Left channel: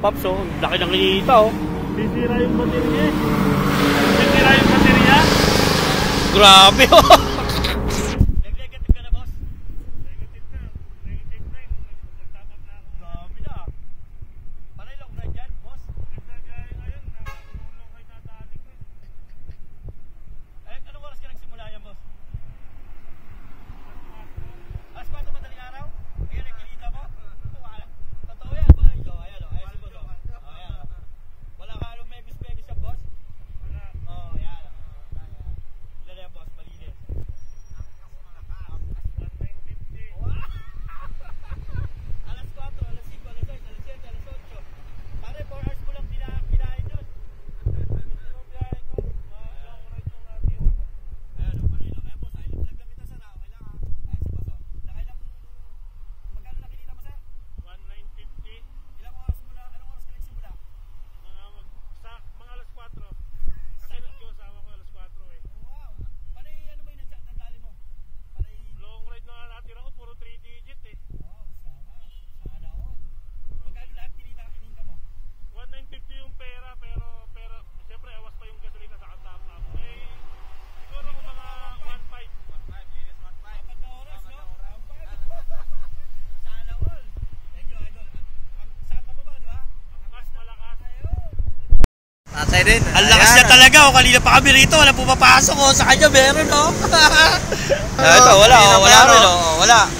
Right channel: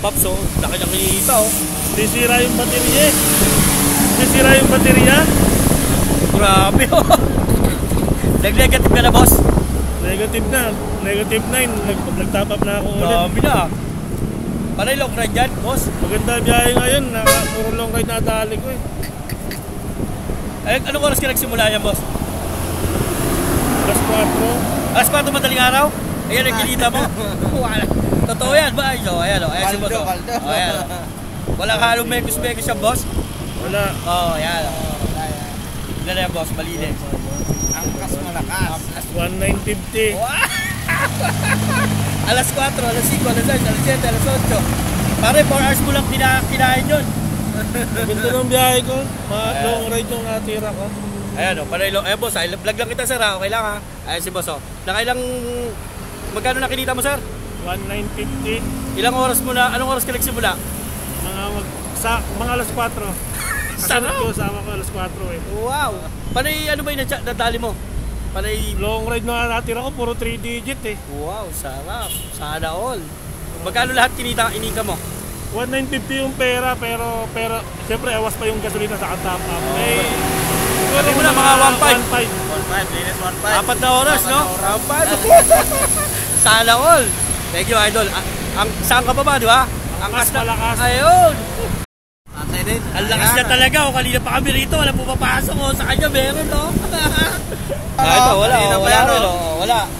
Pops, oh. Laki ng kinita, oh. Sisira yung baterya eh. Sisira yung baterya. Grabe, oh. Nag-negative ka na, boss? Negative na. Negative 9. Nag-top up na ako ulit. Grabe na. Panay long ride dyan, boss? Maganda biyahe ngayon. Puro long ride na dali ko eh. Ay, anong oras ka nagsimula yan, boss? Alas 4. Alas 4 madaling araw? Ayan, nagkilita mo. Totoo yan ba? So, ayan, oh. Ayan si boss, oh. Oh, ayan, oh. Walang halong mekos-mekos siya, boss? Wala. Oh, ayan, oh. Ganda na yan, boss. Malinis. Angkas malakas. 1950. Wow! Alas 4, alas 5, alas 6, alas 7, alas 8. Pare, 4 hours mo lang kinain yun. Ganda ng biyahe ko. Long ride yung natira ko. Ayan, oh. Panay long. Ayan, boss. Vlog lang kita, sir, ha? Okay lang, ha? Ayan si boss, oh. Nakailang... Magkano nakinita mo, sir? 1950. Ilang oras mo na? Anong oras ka nagsimula? Mga alas 4. Sarap! Sama ko alas 4 eh. Wow! Panay ano ba yung nadali mo? Panay... Long ride na natira ko, puro 3 digit eh. Wow, sarap. Sana all. Magkano lahat inika mo? 1950 yung pera, pero siyempre awas pa yung gasolina sa top up. Sabi mo na mga 1.5. 1.5, linis 1.5. 4 na oras, no? 4. Sana all. Thank you, idol. Saan ka pa ba, di ba? Ang kas malakas. Ayun. Tatay din. Ang lakas niya talaga, oh. Kanina pa kami rito, wala pumapasok, oh. Sa kanya meron, oh. Ito, wala, oh. Wala rin, oh. Wala.